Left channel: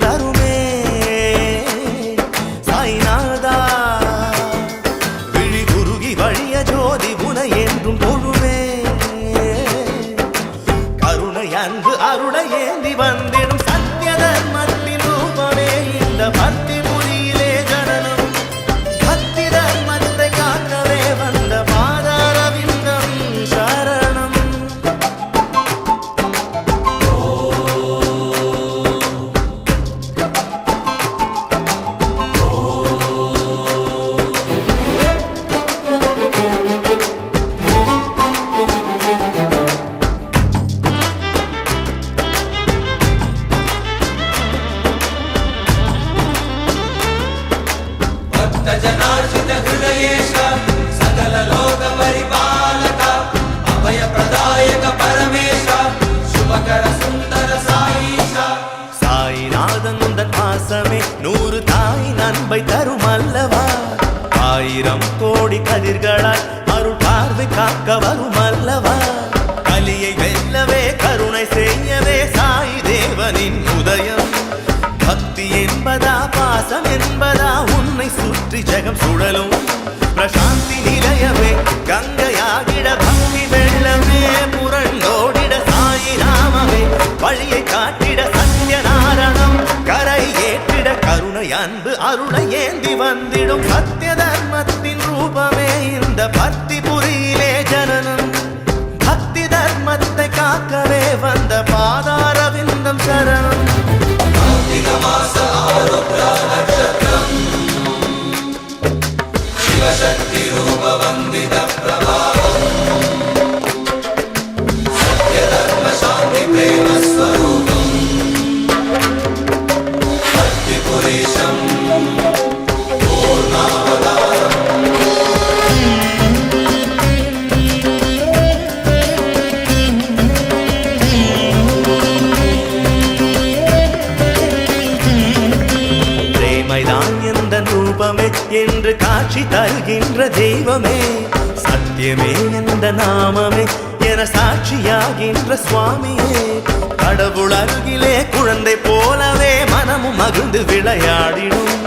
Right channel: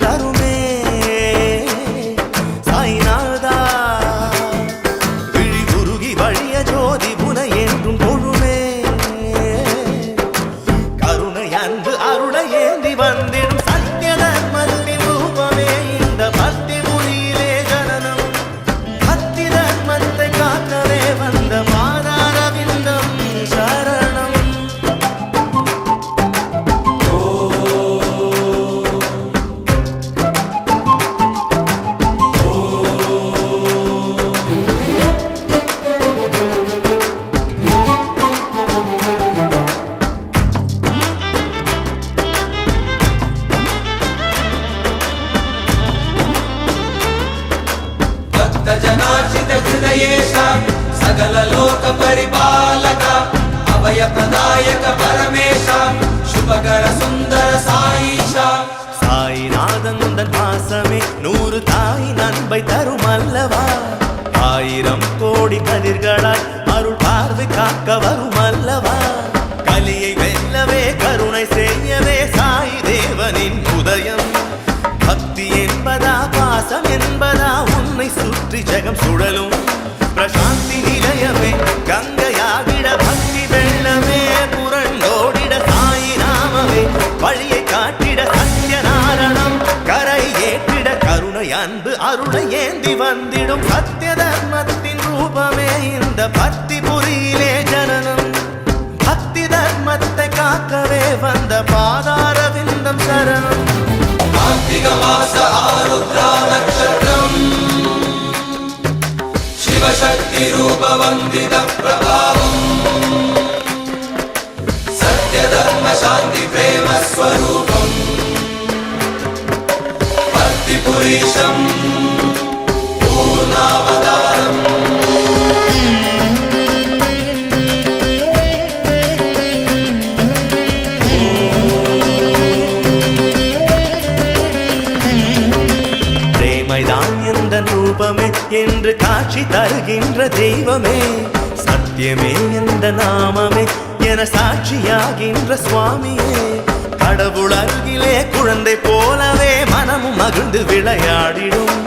தருமே சாய்நாதா விழி குருகி வழிய ஜோதி புனை என்றும் தொழுமே கருணை அன்பு அருளை ஏந்தி வந்திடும் சத்திய தர்மத்தின் ரூபமே இந்த பக்தி புரியிலே ஜனனம் பக்தி தர்மத்தை காக்கவே வந்த மாதாரவிந்தம் சரணம் பாசமே 100 தாயின் அன்பை தரும் அல்லவா 1000 கோடி கதிர்களாய் அருள் பார்வை காக்க வரும் அல்லவா கலியை வெல்லவே கருணை செய்யவே சாய் தேவனின் உதயம் பக்தி என்பதா பாசம் என்பதா உன்னை சுற்றி ஜெகம் சுழலும் பிரசாந்தி நிலையமே கங்கையாகிட பக்தி வெள்ளமே புரண்டோடிட சாயி நாமமே வழியை காட்டிட சத்யநாரணம் கரை ஏற்றிட கருணை அன்பு அருளை ஏந்தி வந்திடும் சத்திய தர்மத்தின் ரூபமே இந்த பக்தி புரியிலே ஜனனம் பக்தி தர்மத்தை காக்கவே வந்த பாதாரவிந்தம் சரணம் शिवशक्ति रूप वंदित प्रभावम सत्य धर्म शांति प्रेम स्वरूपम भक्ति पुरीशम மைதான் எந்த ரூபமே என்று காட்சி தருகின்ற தெய்வமே சத்தியமே எந்த நாமமே என சாட்சியாகின்ற சுவாமியே கடவுள் அருகிலே குழந்தை போலவே மனமும் மகிழ்ந்து விளையாடிடும்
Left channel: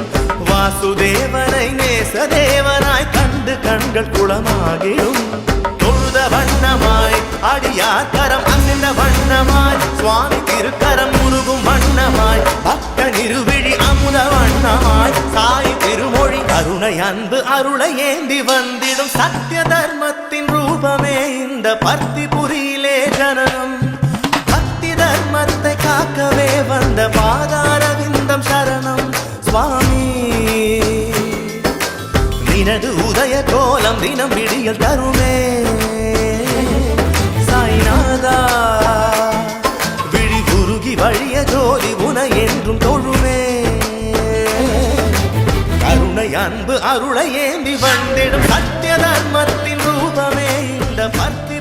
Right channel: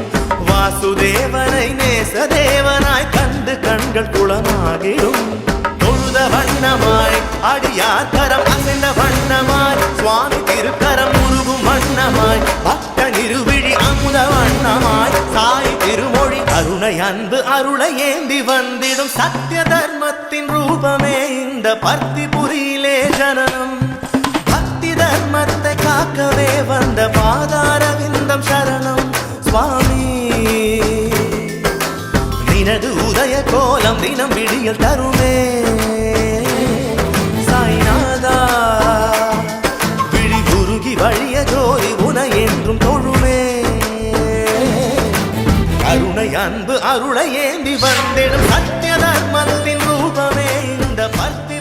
வாசுதேவனை நேசதேவனாய் கண்டு கண்கள் குளமாகிடும் தொழுத வண்ணமாய் அடியார் கரம் அசைந்த வண்ணமாய் சுவாமி திருக்கரம் உருகும் வண்ணமாய் பக்த நிருவிழி அமுத வண்ணமாய் சாய் திருமொழி கருணை அன்பு அருளை ஏந்தி வந்திடும் சத்திய தர்மத்தின் ரூபமே இந்த பக்தி புரியிலே ஜனனம் பக்தி தர்மத்தை காக்கவே வந்த பாதாரவிந்தம் சரணம் சுவாமி நினது உதய கோலம் தினம் விடியல் தருமே சாய்நாதா விழி குருகி வழிய ஜோதி உனை என்றும் தொழுமே கருணை அன்பு அருளை ஏந்தி வந்திடும் சத்திய தர்மத்தின் ரூபமே இந்த பக்தி